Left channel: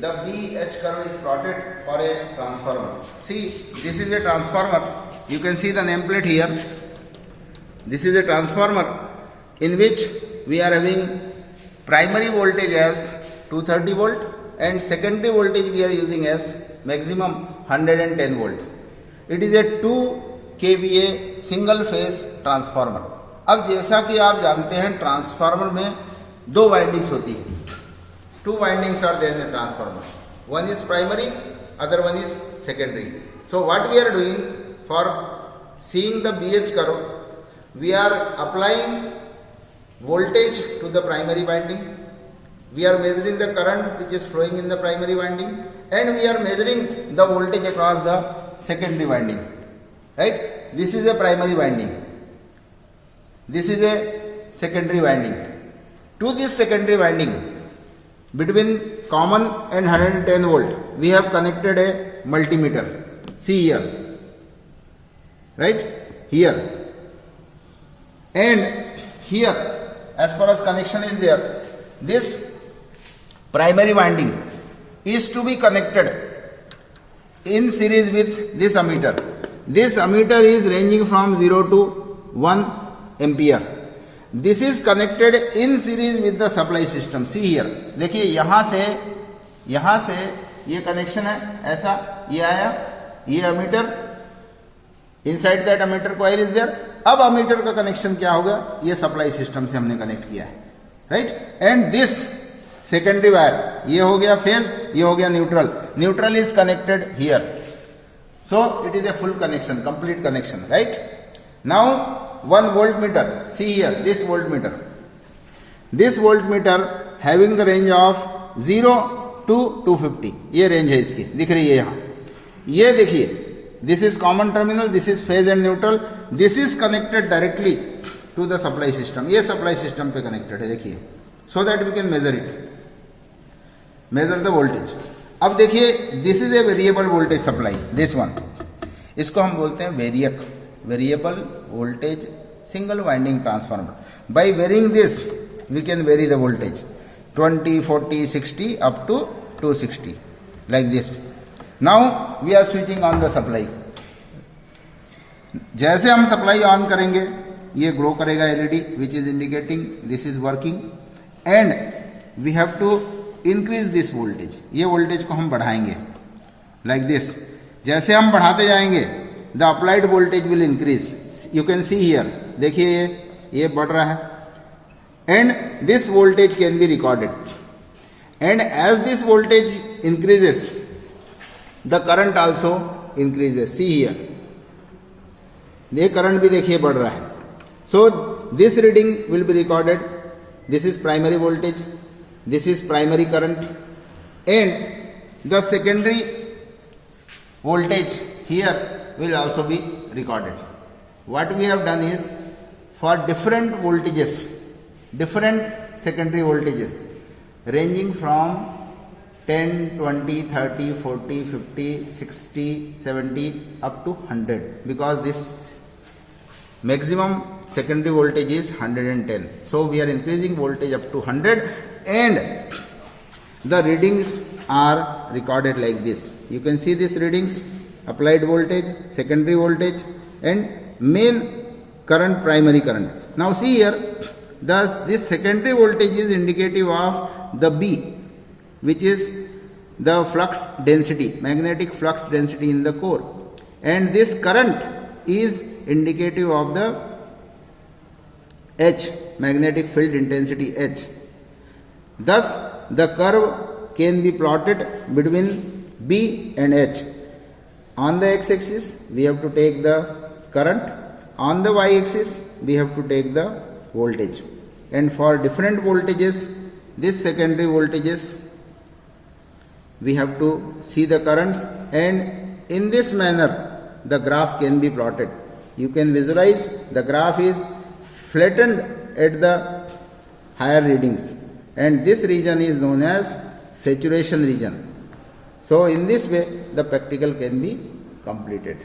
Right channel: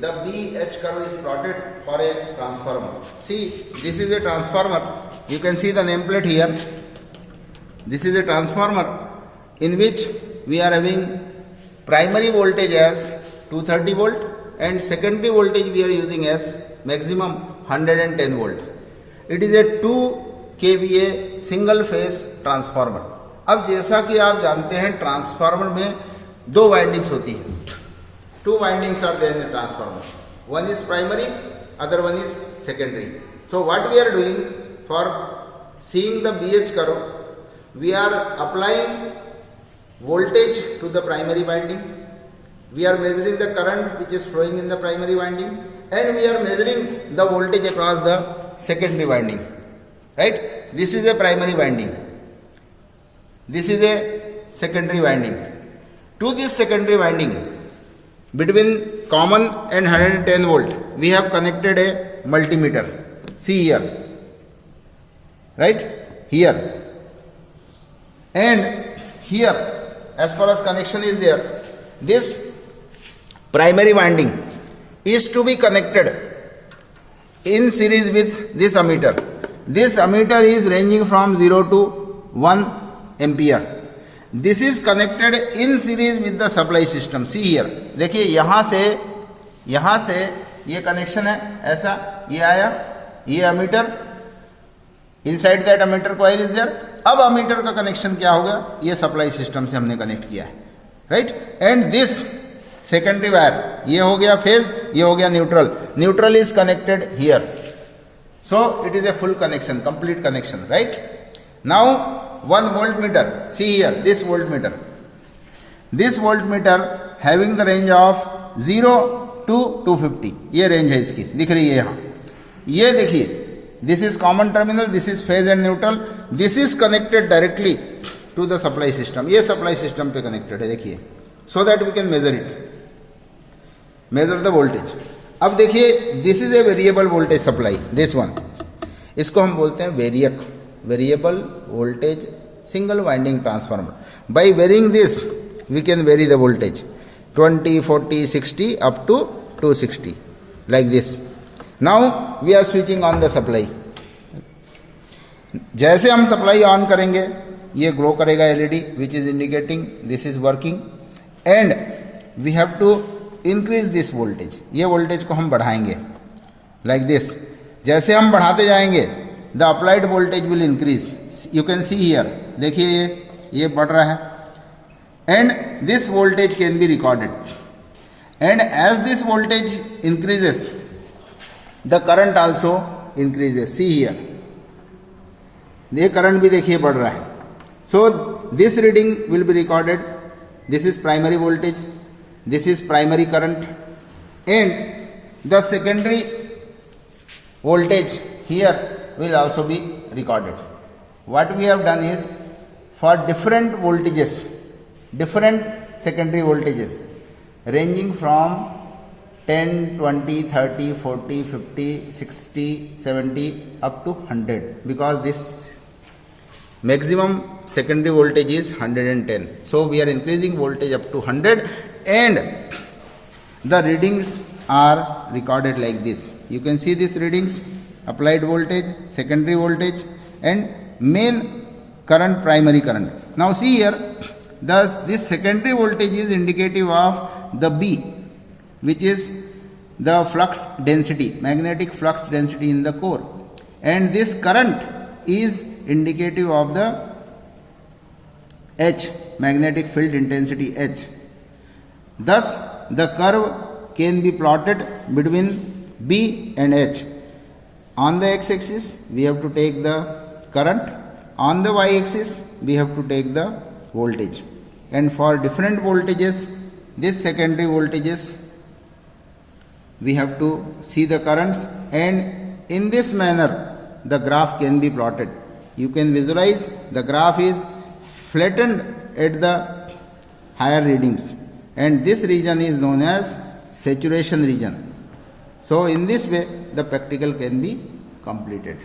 the BH curve is plotted for a transformer. See, this is a transformer. You can see the nameplate here. This is a transformer in which we are having primary voltage as 230 volt and secondary voltage we are using as maximum 110 volt. It is a 2 kVA single phase transformer. अब जैसा कि आप जानते हैं transformer में दो windings होती है. Two windings are there in the transformer. One is primary, other one is secondary. So what we are doing for seeing the BH curve, we are applying voltage to the primary winding. We are measuring the current which is flowing in the primary winding, and we are measuring the voltage across the secondary winding. Right? This is a primary winding. This is a secondary winding. To this secondary winding, between common and 110 volt, we have connected a multimeter. See here, right? Here and here, as far as connection is there, this primary winding is to be connected in series with this ammeter. This ammeter is ranging from 0 to 1 ampere. This is connected in series with the supply system. See here, देखिए यहाँ से ये connection है, ऐसा ये आया, ये ammeter, inside that ammeter coil is there. अब अमीटर का कनेक्शन क्या होगा, ये सप्लाई सिस्टम से हमने कनेक्ट किया है, right. And this secondary wire, ये हो गया फेज, ये हो गया neutral. Neutral is connected here. So it is a full connection, complete connection, right? Now one voltmeter, see here, this voltmeter having the range of 0 to 250. ये range है इसकी, दिख रही है यहाँ. ये देखिए, this is common terminal, this is phase and neutral, this is connected directly to the supply system. ये supply system पे connected है, देखिए, so that we can measure it, measure the voltage. अब देखिए, this is a variable voltage supply, this one, इसको हम बोलते हैं variac, variable voltage single winding transformer. By varying this we can vary the voltage 20, 40, 60 up to 260 like this. Now we are switching on the supply. जैसे हम supply on करेंगे, ये glow करेगा LED which is indicating this is working, and we have to increase this voltage. ये voltage को हम बढ़ाएंगे like this. जैसे हम बढ़ाते जाएंगे, the applied voltage will increase. You can see here, देखिए ये बढ़ रहा है, and this voltage can be recorded. And as this voltage increases, the current also increases. See here, ये करंट भी देखिए बढ़ रहा है. So this reading will be recorded. This is primary voltage, this is primary current, and the secondary voltage here will also be recorded. What we have done is, for different voltages, different secondary voltages ranging from 10, 20, 30, 40, 50, 60, 70 up to 100, because this maximum secondary voltage is 110. So we are increasing voltage up to 100, and the readings are recorded like this. You can see these readings: applied voltage, secondary voltage, and main current, primary current. Now see here, thus this secondary voltage is indicative of the B, which is the flux density, magnetic flux density in the core, and this current is indicative of the H, magnetic field intensity H. Thus, the curve can be plotted between B and H. On the x-axis, we have to take the current. On the y-axis, we have to take the voltage. And for different voltages, this secondary voltages, we have to see the currents, and in this manner, the graph can be plotted. You can visualize the graph is flattened at the higher readings. And this region is known as saturation region. So in this way, the practical can be completed.